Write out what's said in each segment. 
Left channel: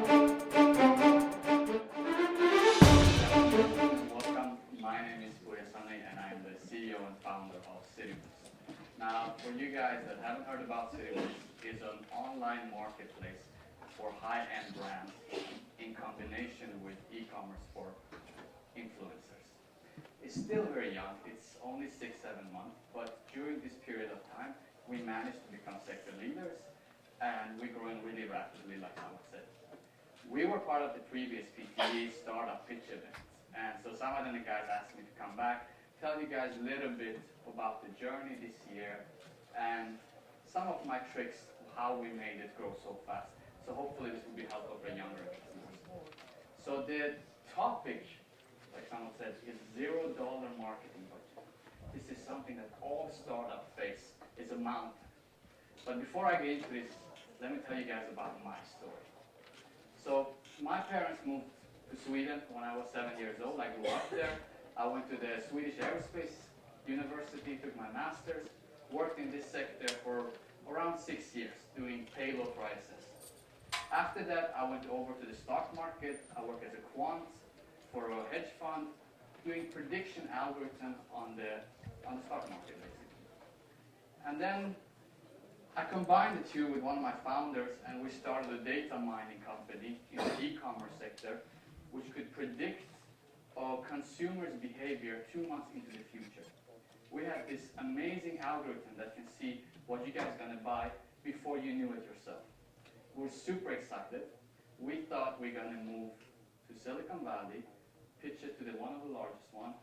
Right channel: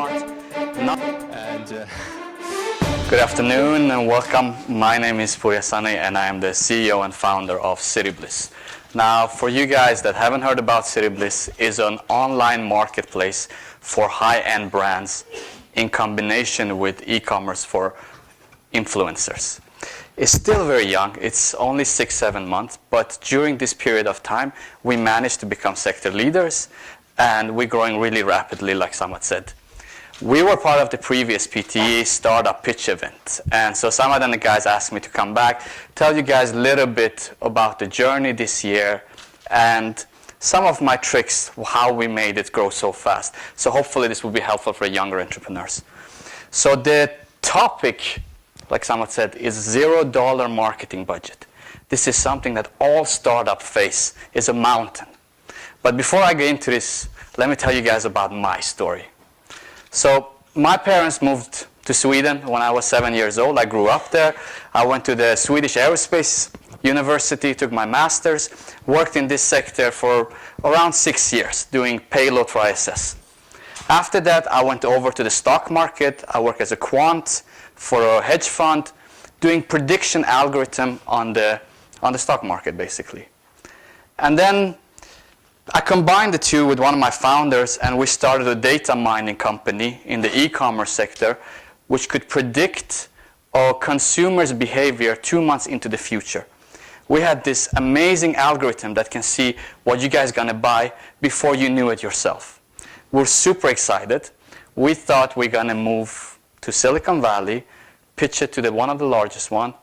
Walmart. Good afternoon and welcome. My name is Pouria Sanae and I am the CEO and founder of Cityblis. Now, for you guys that haven't heard about Cityblis, is an online marketplace for high-end brands in combination with e-commerce for influencers. It's still very young. It's only 6-7 months, but during this period of time, we managed to become sector leaders, and we're growing really rapidly, like Samad said. We were part of the previous PTE startup pitch event, and so Samad and the guys asked me to come back, tell you guys a little bit about the journey this year, and some of my tricks, how we made it grow so fast. So hopefully this will be helpful for younger entrepreneurs. So the topic, like Samad said, is $0 marketing budget. This is something that all startups face, is a mountain. But before I get into this, let me tell you guys about my story. So my parents moved to Sweden when I was 7 years old. I grew up there. I went to the Swedish Aerospace University, took my master's, worked in this sector for around 6 years, doing payload for ISS. After that, I went over to the stock market. I worked as a quant for a hedge fund, doing prediction algorithm on the stock market, basically. And then I combined the two with one of my founders, and we started a data mining company in the e-commerce sector, which could predict a consumer's behavior 2 months into the future. We had this amazing algorithm that can see what you guys are going to buy before you knew it yourself. We're super excited. We thought we're going to move to Silicon Valley, pitch it to one of the largest one,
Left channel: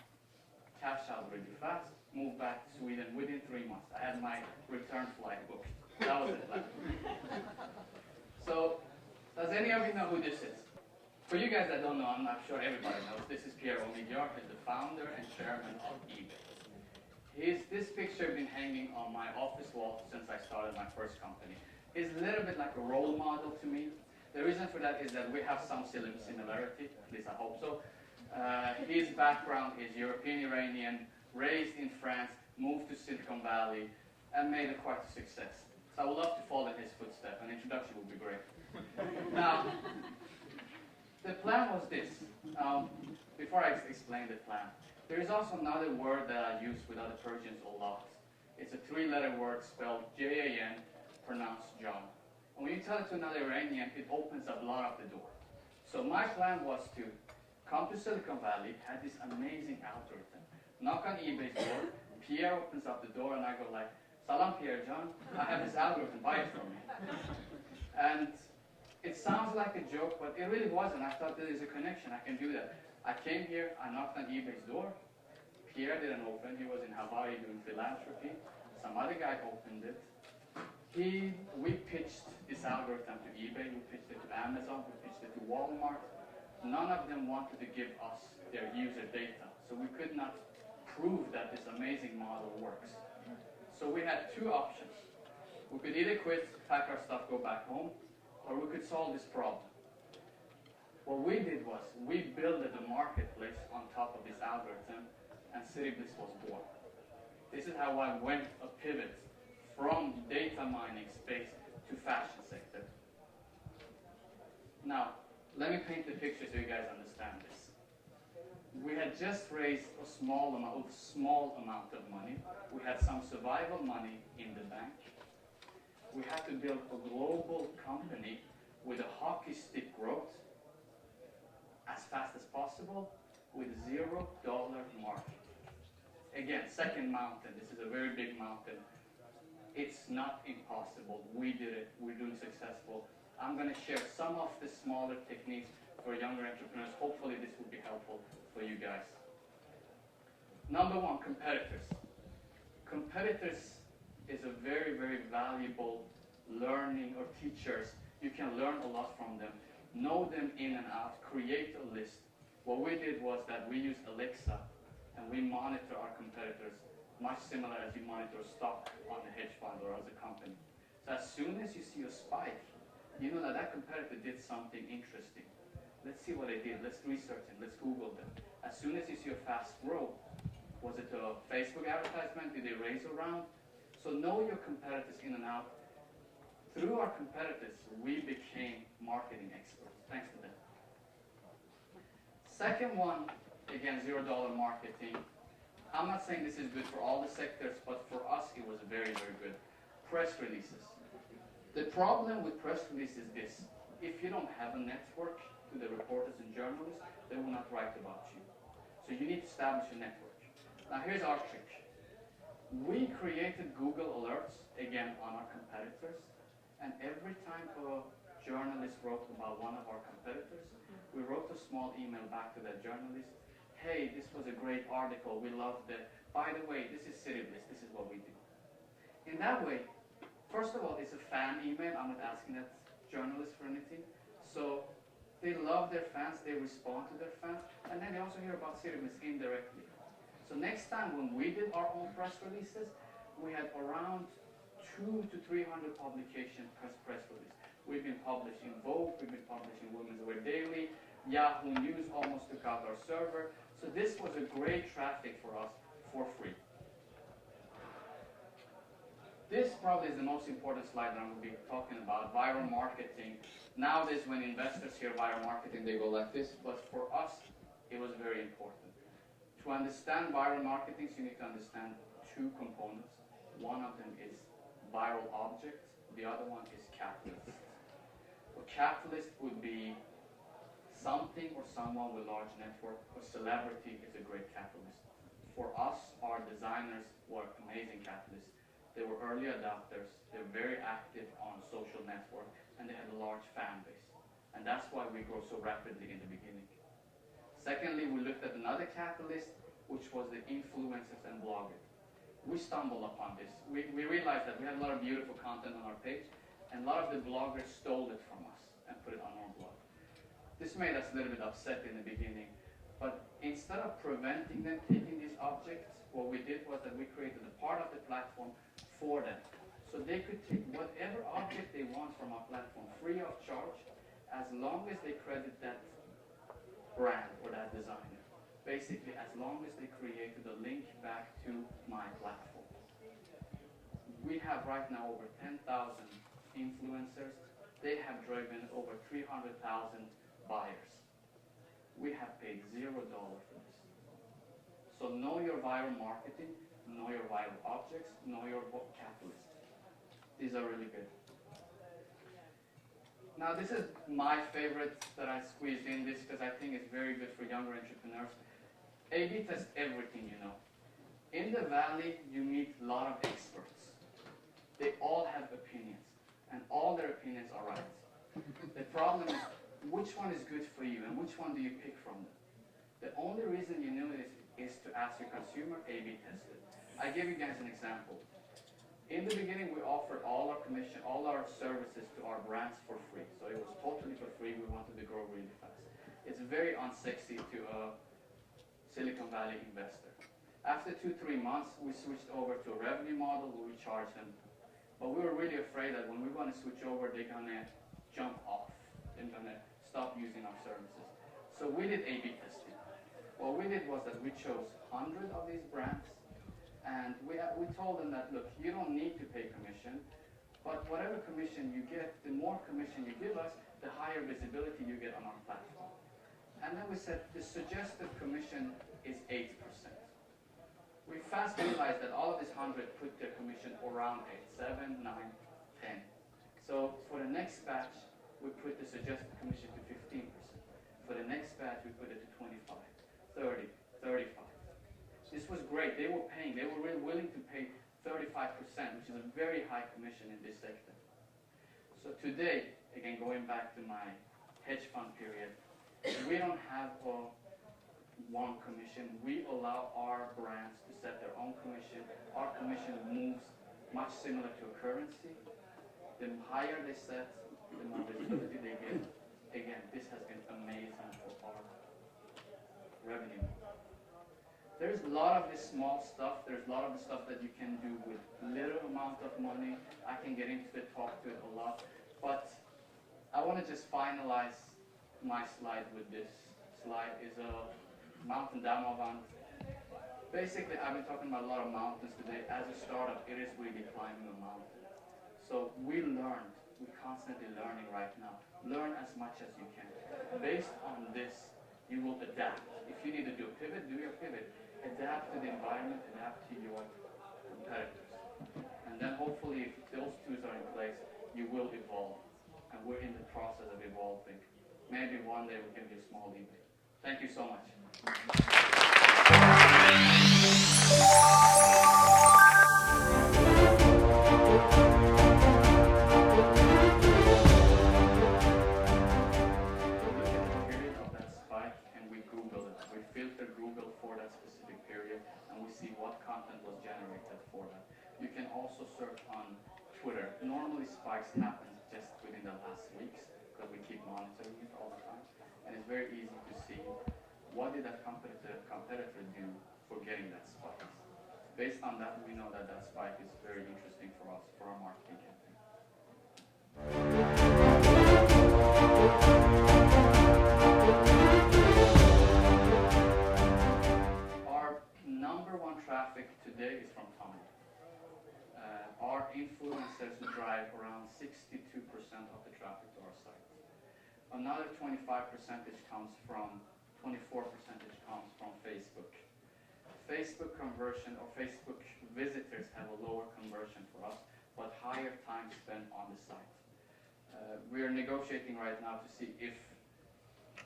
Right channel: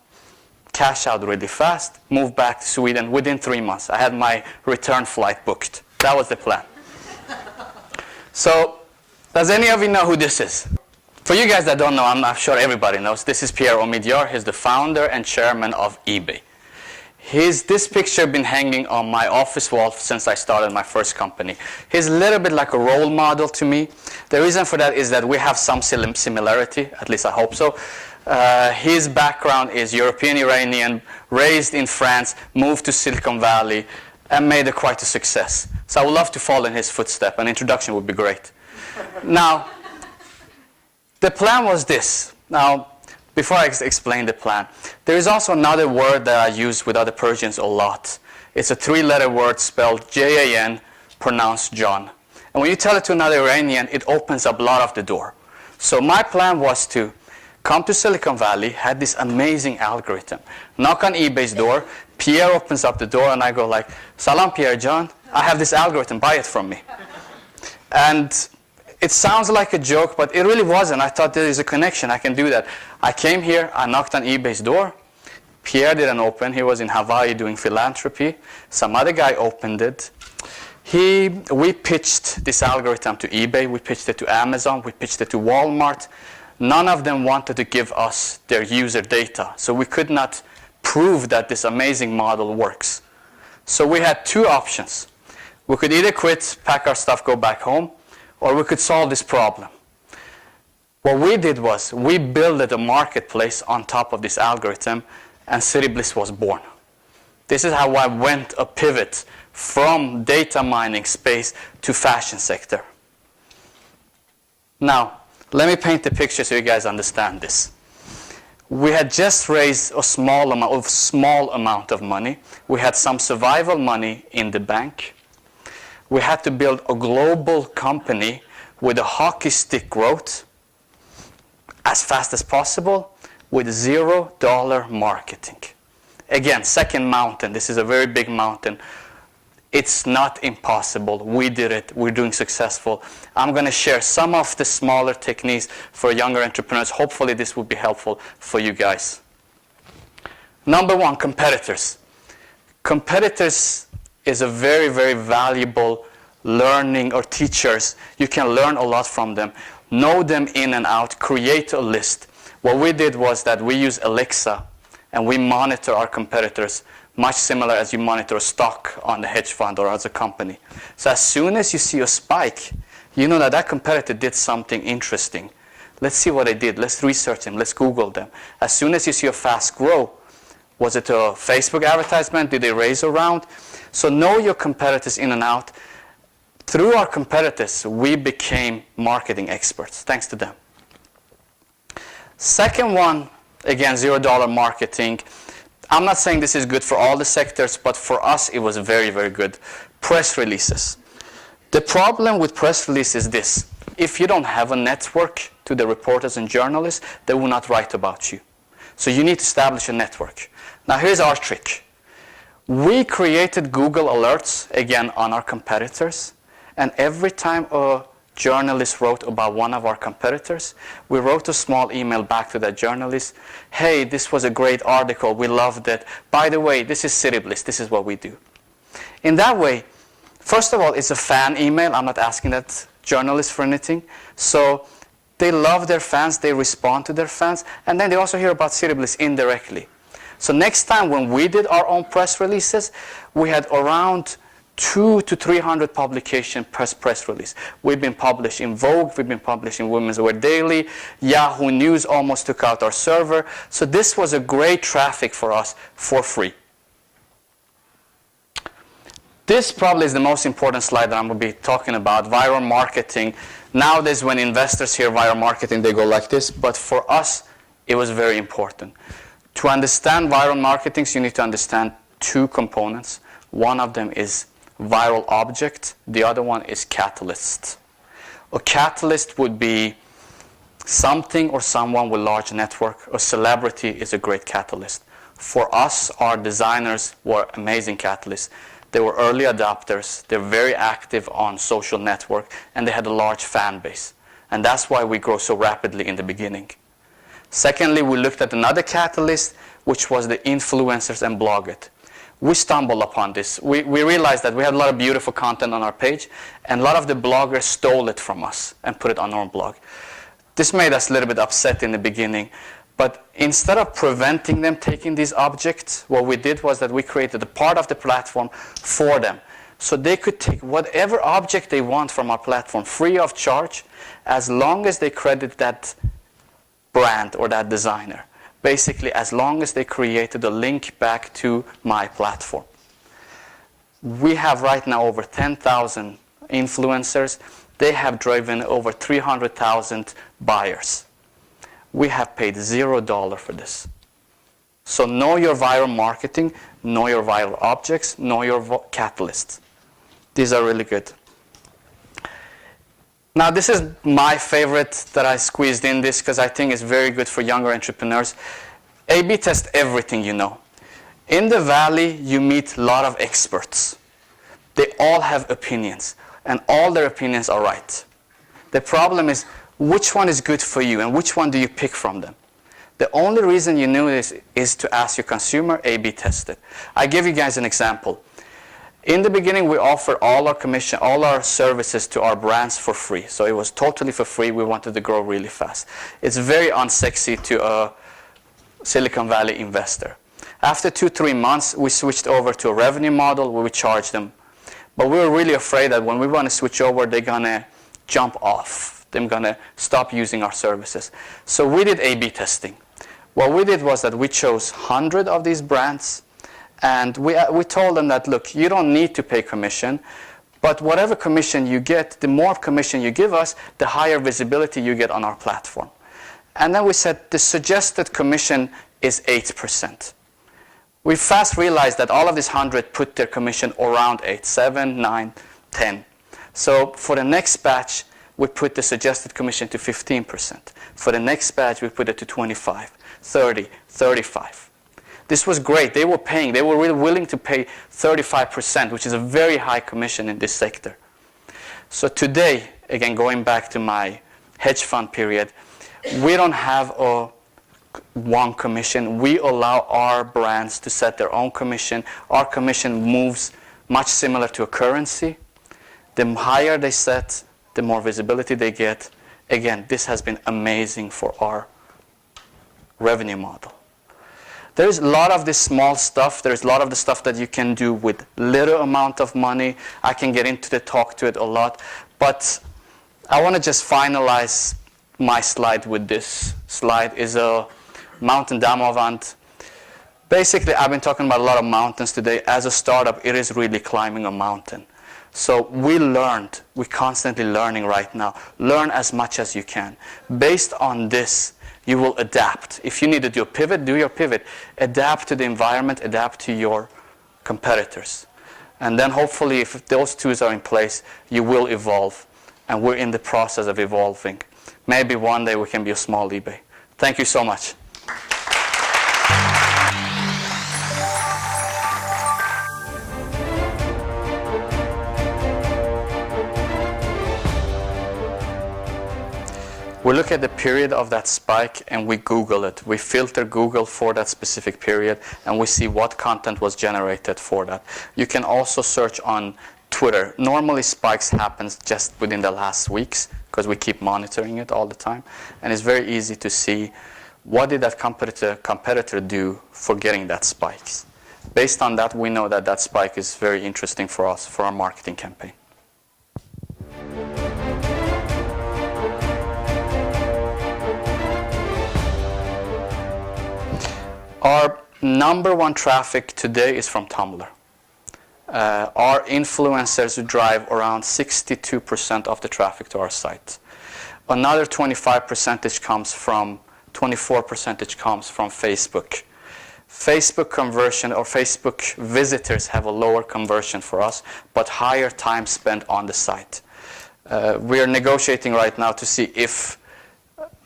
cash out really fast, move back to Sweden within 3 months. I had my return flight booked. That was the plan. So, does any of you know who this is? For you guys that don't know, I'm sure everybody knows, this is Pierre Omidyar. He's the founder and chairman of eBay. This picture been hanging on my office wall since I started my first company. He's a little bit like a role model to me. The reason for that is that we have some similarity, at least I hope so. His background is European-Iranian, raised in France, moved to Silicon Valley, and made it quite a success. So I would love to follow in his footsteps. An introduction would be great. Now, the plan was this. Now, before I explain the plan, there is also another word that I use with other Persians a lot. It's a 3-letter word spelled J-A-N, pronounced John. And when you tell it to another Iranian, it opens up a lot of the door. So my plan was to come to Silicon Valley, had this amazing algorithm, knock on eBay's door, Pierre opens up the door, and I go like, Salam, Pierre John, I have this algorithm, buy it from me. And it sounds like a joke, but it really wasn't. I thought there is a connection, I can do that. I came here, I knocked on eBay's door. Pierre didn't open, he was in Hawaii doing philanthropy. Some other guy opened it. We pitched this algorithm to eBay, we pitched it to Amazon, we pitched it to Walmart. None of them wanted to give us their user data, so we could not prove that this amazing model works. So we had two options. We could either quit, pack our stuff, go back home, or we could solve this problem. What we did was we built a marketplace on top of this algorithm, and Cityblis was born. This is how I went a pivot from data mining space to fashion sector. Now, let me paint the picture so you guys understand this. We had just raised a small amount of money. We had some survival money in the bank. We had to build a global company with a hockey stick growth as fast as possible with $0 marketing. Again, second mountain. This is a very big mountain. It's not impossible. We did it. We're doing successful. I'm going to share some of the smaller techniques for younger entrepreneurs. Hopefully this will be helpful for you guys. Number one, competitors. Competitors is a very, very valuable learning or teachers. You can learn a lot from them. Know them in and out. Create a list. What we did was that we use Alexa and we monitor our competitors, much similar as you monitor a stock on the hedge fund or as a company. So as soon as you see a spike, you know that that competitor did something interesting. Let's see what they did. Let's research them. Let's Google them. As soon as you see a fast grow, was it a Facebook advertisement? Did they raise a round? So know your competitors in and out. through our competitors, we became marketing experts, thanks to them. Second one, again, $0 marketing. I'm not saying this is good for all the sectors, but for us, it was very, very good. Press releases. The problem with press releases is this. If you don't have a network to the reporters and journalists, they will not write about you. So you need to establish a network. Now, here's our trick. We created Google Alerts, again, on our competitors. And every time a journalist wrote about one of our competitors, we wrote a small email back to that journalist. Hey, this was a great article. We loved it. By the way, this is Cityblis. This is what we do. In that way, first of all, it's a fan email. I'm not asking that journalist for anything. So they love their fans. They respond to their fans. And then they also hear about Cityblis indirectly. So next time when we did our own press releases, we had around 200 to 300 publication press release. We've been published in Vogue, we've been published in Women's Wear Daily, Yahoo News almost took out our server. So this was a great traffic for us for free. This probably is the most important slide that I'm going to be talking about, viral marketing. Nowadays when investors hear viral marketing, they go like this, but for us, it was very important. To understand viral marketing, you need to understand two components. One of them is viral object. The other one is catalyst. A catalyst would be something or someone with large network. A celebrity is a great catalyst. For us, our designers were amazing catalysts. They were early adopters. They're very active on social network, and they had a large fan base. And that's why we grow so rapidly in the beginning. Secondly, we looked at another catalyst, which was the influencers and bloggers. We stumbled upon this. We realized that we had a lot of beautiful content on our page, and a lot of the bloggers stole it from us and put it on our blog. This made us a little bit upset in the beginning, but instead of preventing them taking these objects, what we did was that we created a part of the platform for them. So they could take whatever object they want from our platform free of charge, as long as they credit that brand or that designer. Basically, as long as they created a link back to my platform. We have right now over 10,000 influencers. They have driven over 300,000 buyers. We have paid $0 for this. So know your viral marketing, know your viral objects, know your catalysts. These are really good. Now, this is my favorite that I squeezed in this because I think it's very good for younger entrepreneurs. A/B test everything you know. In the Valley, you meet a lot of experts. They all have opinions, and all their opinions are right. The problem is, which one is good for you, and which one do you pick from them? The only reason you knew this is to ask your consumer, A/B test it. I give you guys an example. In the beginning, we offered all our services to our brands for free. So it was totally for free. We wanted to grow really fast. It's very unsexy to a Silicon Valley investor. After 2-3 months, we switched over to a revenue model where we charge them. But we were really afraid that when we want to switch over, they're going to jump off. They're going to stop using our services. So we did A/B testing. What we did was that we chose 100 of these brands. And we told them that, look, you don't need to pay commission, but whatever commission you get, the more commission you give us, the higher visibility you get on our platform. And then we said the suggested commission is 8%. We fast realized that all of these 100 put their commission around 8, 7, 9, 10. So for the next batch, we put the suggested commission to 15%. For the next batch, we put it to 25, 30, 35. This was great. They were paying. They were really willing to pay 35%, which is a very high commission in this sector. So today, again, going back to my hedge fund period, we don't have one commission. We allow our brands to set their own commission. Our commission moves much similar to a currency. The higher they set, the more visibility they get. Again, this has been amazing for our revenue model. There's a lot of this small stuff. There's a lot of the stuff that you can do with little amount of money. I can get into the talk to it a lot. But I want to just finalize my slide with this slide. Is a mountain Damavand. Basically, I've been talking about a lot of mountains today. As a startup, it is really climbing a mountain. So we're constantly learning right now. Learn as much as you can. Based on this, you will adapt. If you need to do a pivot, do your pivot. Adapt to the environment, adapt to your competitors. And then hopefully if those tools are in place, you will evolve. And we're in the process of evolving. Maybe one day we can be a small eBay. Thank you so much. We look at the period of that spike and we Google it. We filter Google for that specific period and we see what content was generated for that. You can also search on Twitter. Normally spikes happens just within the last weeks because we keep monitoring it all the time. And it's very easy to see what did that competitor do for getting that spikes. Based on that, we know that that spike is very interesting for us, for our marketing campaign. Our number one traffic today is from Tumblr. Our influencers drive around 62% of the traffic to our site. Another 24% comes from Facebook. Facebook conversion or Facebook visitors have a lower conversion for us, but higher time spent on the site. We are negotiating right now to see if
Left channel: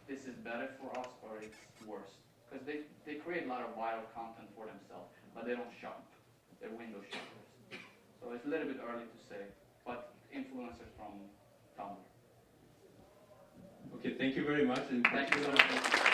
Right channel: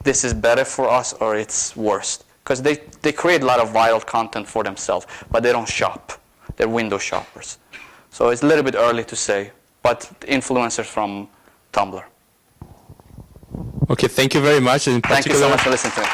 this is better for us or it's worse. Because they create a lot of viral content for themselves, but they don't shop. They're window shoppers. So it's a little bit early to say, but influencers from Tumblr. Okay, thank you very much. Thank you so much for listening to me.